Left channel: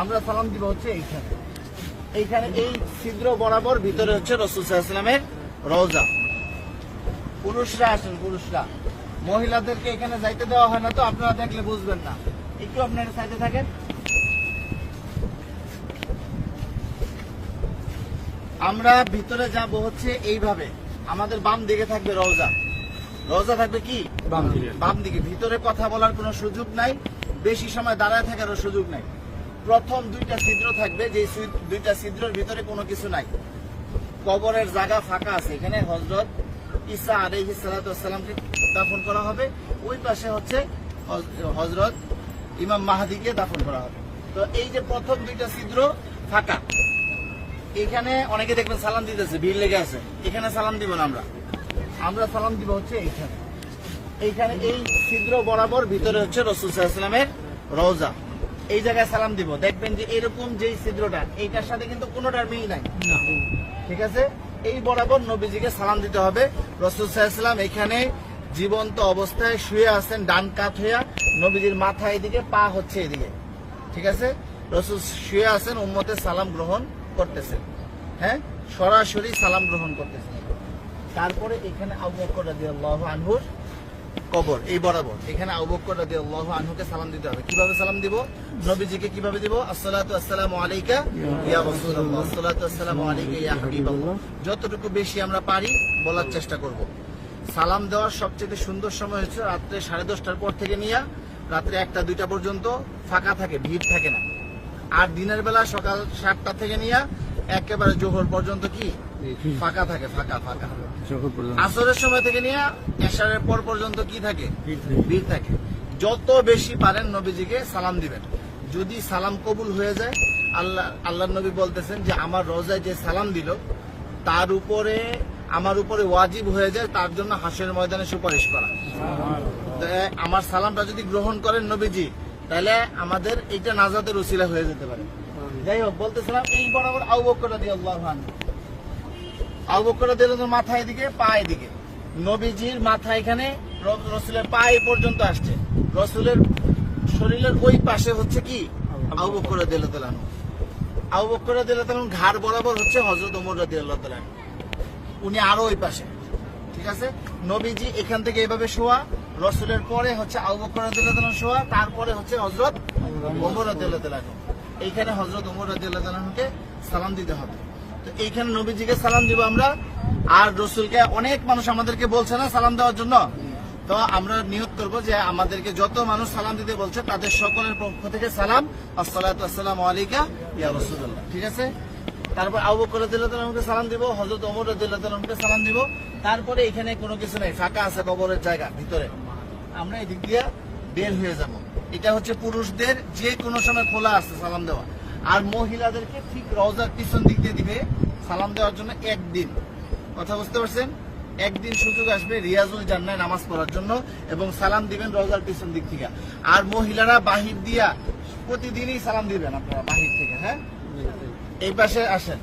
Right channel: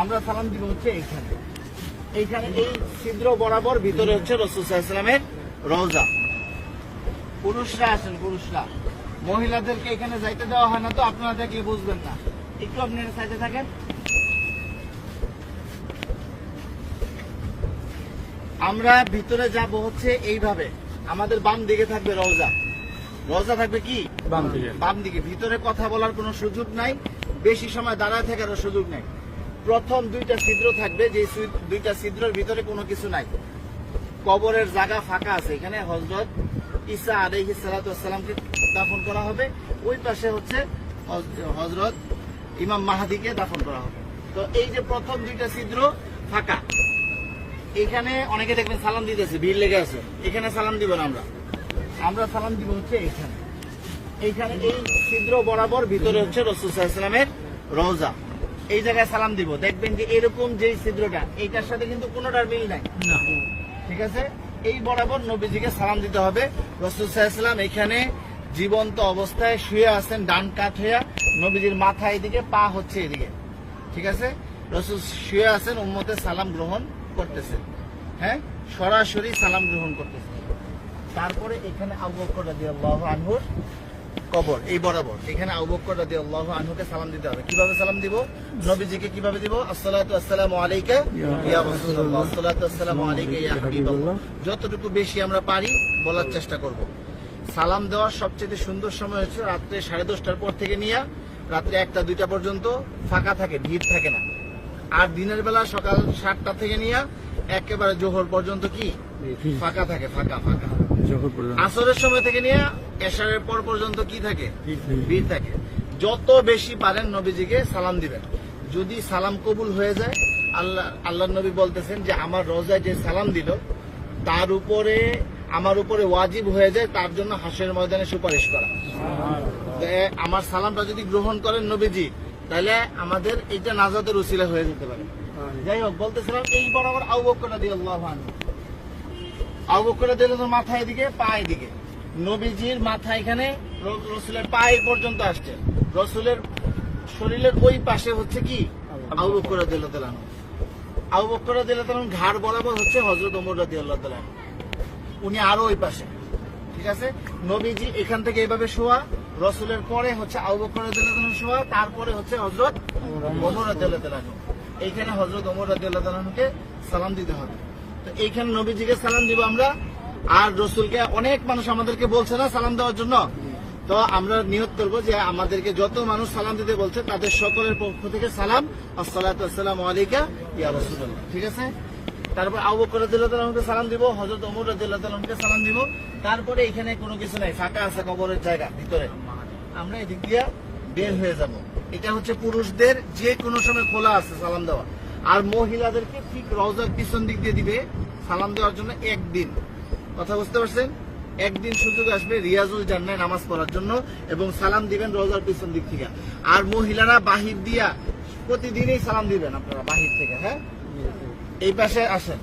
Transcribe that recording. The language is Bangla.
আমরা সালাম দিব হচ্ছে এইখানে। এইখানে এই ছিদ্র বরাবর ভিতরে হচ্ছে রাসূল সাল্লাল্লাহু আলাইহি ওয়াসাল্লামের রওজা। পুরুষরা আসেন, পুরুষরা, মহিলাদেরকে এখানে যাইতে দেওয়া হয় না, তো আপনারা দেখলে বুঝবেন না। একটু আপনারা সাইডে থাকেন। আমরা ভিতরে যাব হচ্ছে এইভাবে। আমাদের বাম দিকে থাকবে রওজা। রওজা থাকবে কি বাম দিকে। ভিতরে কথা বলার কোনো সুযোগ নাই, বেশি সময় দাঁড়ায় থাকারও সুযোগ নাই। প্রথম দুইটা ছিদ্র থাকবে, যে দুইটা ছিদ্রের ভিতরে কোনো কিছু নাই। কবরের জায়গা ফাঁকা আছে। এখানে হযরত ঈসা আলাইহিস সালাতু ওয়াস সালামকে দাফন করা হবে। ওই পাশে হচ্ছে হযরত ইমাম মাহদিকে দাফন করা হবে। তো এই যে প্রথম দুইটা ছিদ্র ফাঁকা, এখানে অনেকে দেখবেন সালাম দিতেছে, ভিড় লেগে আছে। এখানে সালাম দিব না, আমরা সালাম দিব হচ্ছে এইখানে। এইখানে এই ছিদ্র বরাবর ভিতরে হচ্ছে রাসূল সাল্লাল্লাহু আলাইহি ওয়াসাল্লামের রওজা। এই জায়গায় সালাম দিব। দেখবেন যে এরকম যেই ছিদ্রটা, এইটার সাথে কিন্তু কোনোটার মিল নাই, ঠিক আছে? এই বরাবর নবীজিকে সালাম দিতে হবে। রাসূল সাল্লাল্লাহু আলাইহি ওয়াসাল্লাম এখানে জীবন্ত অবস্থায় শুয়ে আছেন, ডান কাত হইয়া। নবীজির মাথা এদিকে, পা হচ্ছে এদিকে, ঠিক আছে? রাসূল শুয়ে আছেন, উম্মতের সালাম গ্রহণ করতেছেন। হ্যাঁ, সরাসরি সালাম গ্রহণ করতেছেন। তারপরে এখানে আবু বকর রাদিয়াল্লাহু আনহুর কবর, এই বরাবর। এখানে আবু বকর রাদিয়াল্লাহু আনহুকে সালাম দিতে হবে। কিভাবে সালাম দিব? নবীজিকে কিভাবে দিব? আসসালাতু আসসালামু আলাইকা ইয়া রাসূলুল্লাহ, আসসালাতু আসসালামু আলাইকা ইয়া হাবিবাল্লাহ। যতটুকু বেশি আমরা পারি বলার চেষ্টা করব। সালাম দেওয়ার সবচেয়ে সুন্দর সময় হচ্ছে রাত্রে 10:30টার পর থেকে নিয়ে রাত্রে 1টা-2টা পর্যন্ত ফাঁকা থাকে, ভিড় থাকে না। আর দিনের বেলা সকাল 7টা থেকে নিয়ে একেবারে জোহর পর্যন্ত কি ফাঁকা থাকে, ফাঁকা। আসরের সময় থেকে নিয়ে এশারের পর পর্যন্ত কি থাকে? ভিড় থাকে। যত বেশি পারেন নবীজিকে সালাম দিবেন। যদি সালাম কবুল হয়ে যায়, আল্লাহ নবী বলতেছেন যে আমার রওজায় যে সালাম দিল তার উপরে, আমার উপরে ওয়াজিব হয়ে যায় তার জন্য হাসরের ময়দানে সুপারিশ করা। আমার সালামটা যদি গ্রহণ করেন নবীজি, তাহলে আমাদের এইটা নাজাতের উসিলা হয়ে যেতে পারে। যাই হোক, বলতেছিলাম এই বরাবর আবু বকর রাদিয়াল্লাহু আনহু। আবু বকর রাদিয়াল্লাহু আনহু মাথা এদিকে, পা এদিকে। নবীজির মাথা এখানে রাসূলের পা এই পর্যন্ত আসছে। রাসূলের শরীরের ওই পাশে হচ্ছে কি আবু বকর রাদিয়াল্লাহু তাআলা। আবু বকর রাদিয়াল্লাহু তাআলা ঘাড় বরাবর হচ্ছে হযরত ওমর রাদিয়াল্লাহু তাআলা। উনি আরো ওই পাশে, ঠিক আছে? নবীজি এখান থেকে এইভাবে শোয়া, রাসূলের পরে হচ্ছে আবু বকর রাদিয়াল্লাহু তাআলা শোয়া, তারপরে হচ্ছে হযরত ওমর রাদিয়াল্লাহু তাআলা। এইখানে হযরত ওমর রাদিয়াল্লাহু তাআলাকে সালাম দিতে হবে। তো এইখানে নবীজিকে সালাম দিব আমরা। আর রাসূলকে অনেক মানুষ আমাদেরকে বলছে না সালাম দেওয়ার জন্য, তো আমরা নিয়ত করব যে আমাদেরকে যত মানুষ সালাম দিতে বলছে তাদের সকলের পক্ষ থেকে সালাম, আসসালাতু আসসালামু আলাইকা ইয়া রাসূলুল্লাহ, ঠিক আছে? তারপর আবু বকর রাদিয়াল্লাহু তাআলাকে সালাম দিব, হযরত ওমর রাদিয়াল্লাহু তাআলাকে সালাম দিব। তারপরে এখানে কোনো কিছু নাই, ফাঁকা আছে কবরের জায়গা ভিতরে। আমরা এদিক দিয়ে বের হয়ে যাব। এটা হচ্ছে পুরুষদের যে কোনো সময় খোলা আছে সালাম দেওয়া। আর মহিলাদেরকে ঠিক রওজার পিছন দিক দিয়ে দিবে সালাম দেওয়ার জন্য একদিন। কথা বুঝতে পারছেন? একদিন সুযোগ আসবে রিয়াজুল জান্নাহ নামাজ পড়ার জন্য, এবং সালাম দিবেন রওজার পিছন দিক থেকে। আর মহিলারা বাহির দিয়া প্রতিদিনই সালাম দিবেন আপনারা বাহির থেকে। হ্যাঁ, এই পাশে আসেন।